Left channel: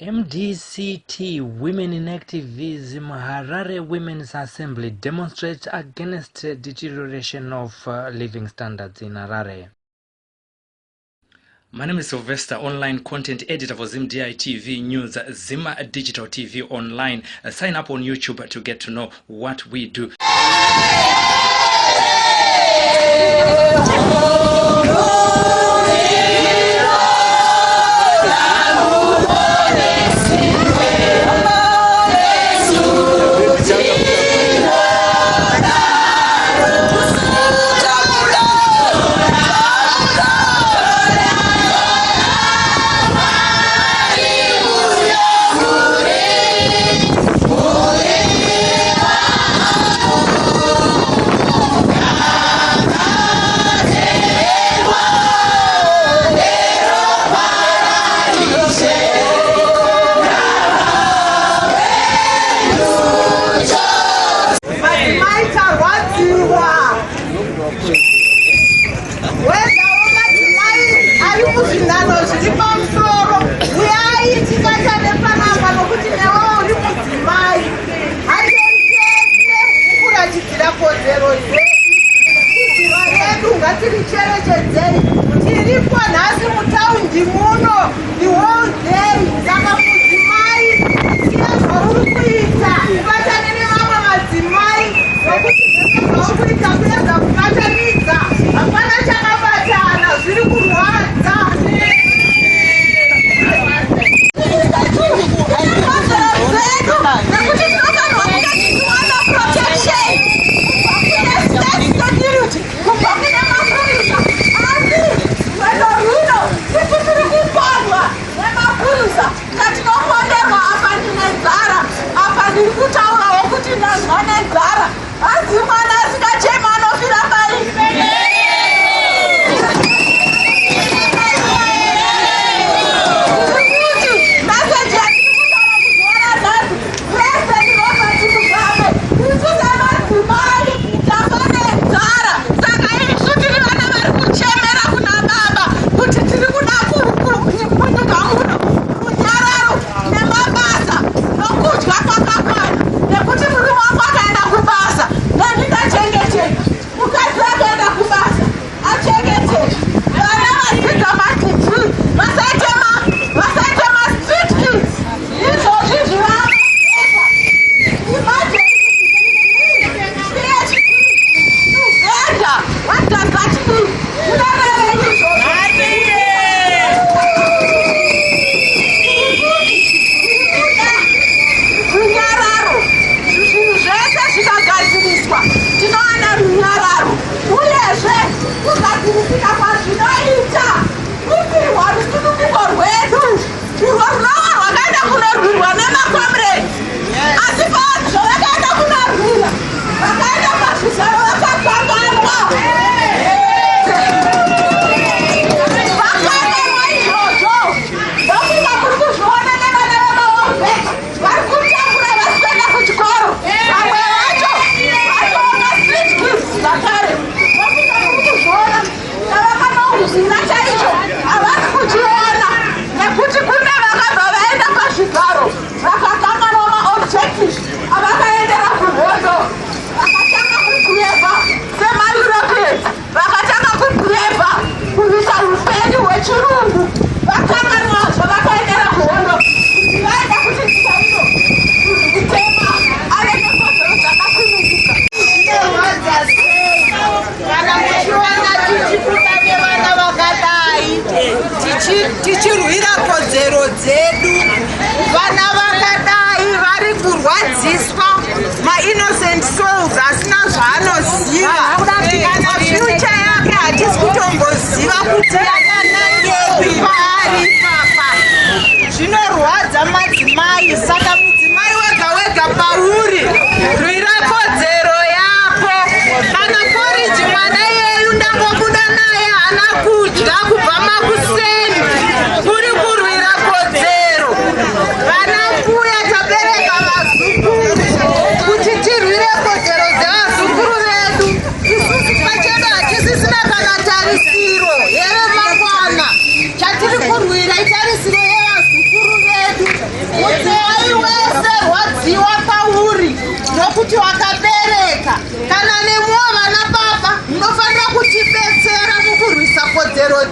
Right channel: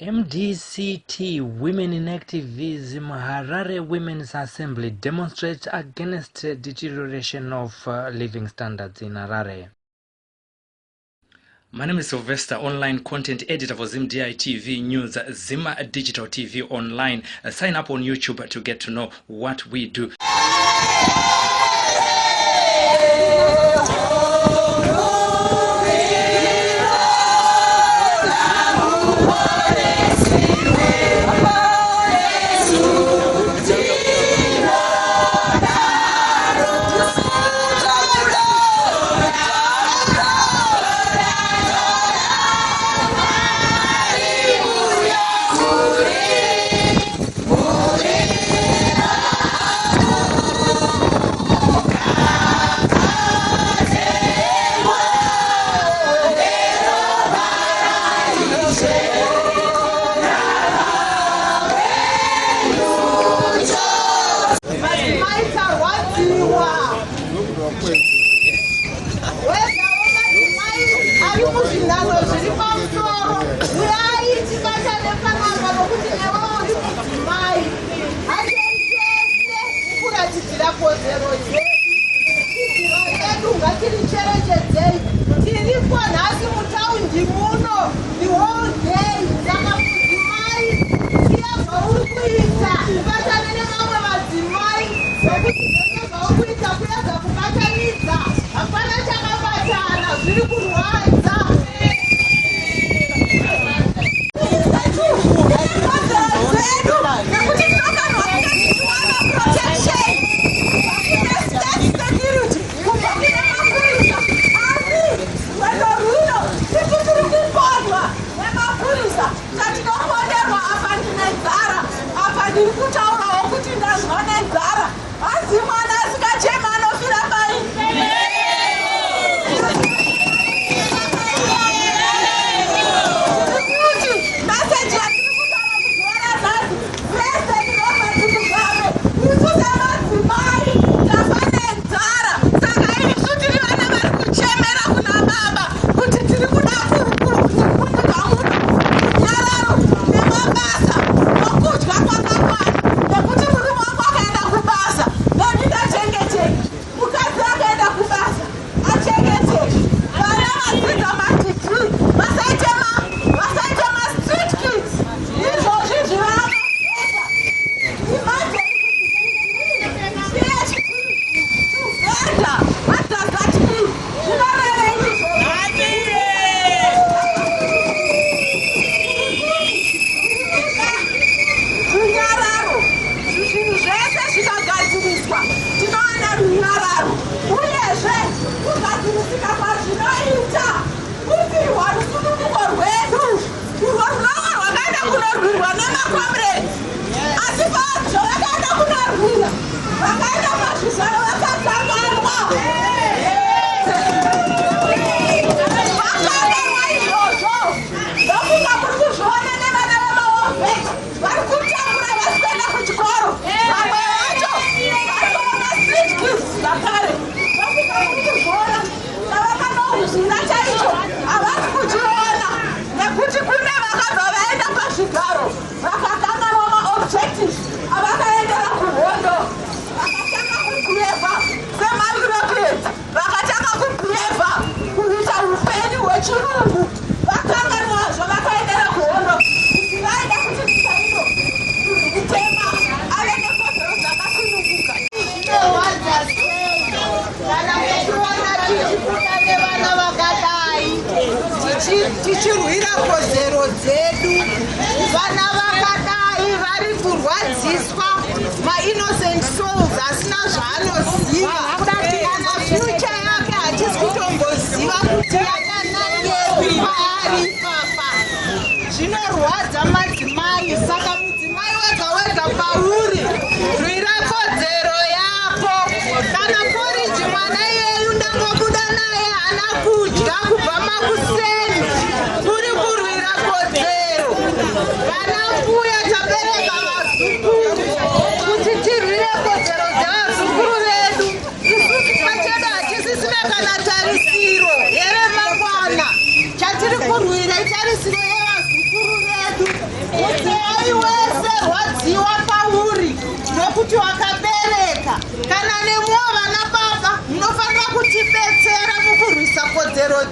MDCT Women in Activism Harare Women's Assembly demonstrates against deterioration of living standards in Harare. My name is Sylvester, online content editor for ZimDI TV News, Zima Digital TV Online. Sign up on YouTube to get to know what we do. Tichirwira kodzero dzedu vana vakadai vari kurwadziswa innocent souls asina zvaanoziva kana future yake hatisi kutomboziva kuti yakanangepi paari papa zvinorwadza madzimai saka mudzimai wega wega pauri rwira kodzero yako kana poriji mwana yeyu ndangobuda naye hana kudya kubva makuseni kuri kurwira kodzero vana mbuya tabereka vazukuru kuti tirwire kodzero dzevazukuru vedu isusu pachedu hatisisina kana tarisiro yeremangwana chatiri kurwira itarisiro yevazukuru vedu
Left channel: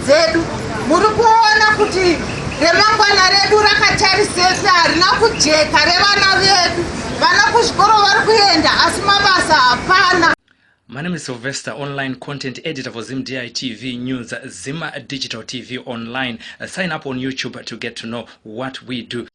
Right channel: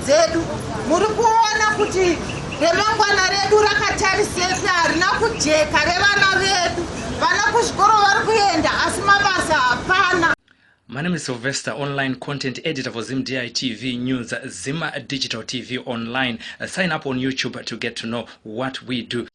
dzedu. Muri kuona kuti remangwana redu rakatarisei, harina kujeka revana vedu. Vana kuzvikoro vari kuenda asi mabasa hapana. My name is Sylvester, online content editor for ZimDI TV News, Zim Digital TV Online. Sign up on YouTube to get to know what we do.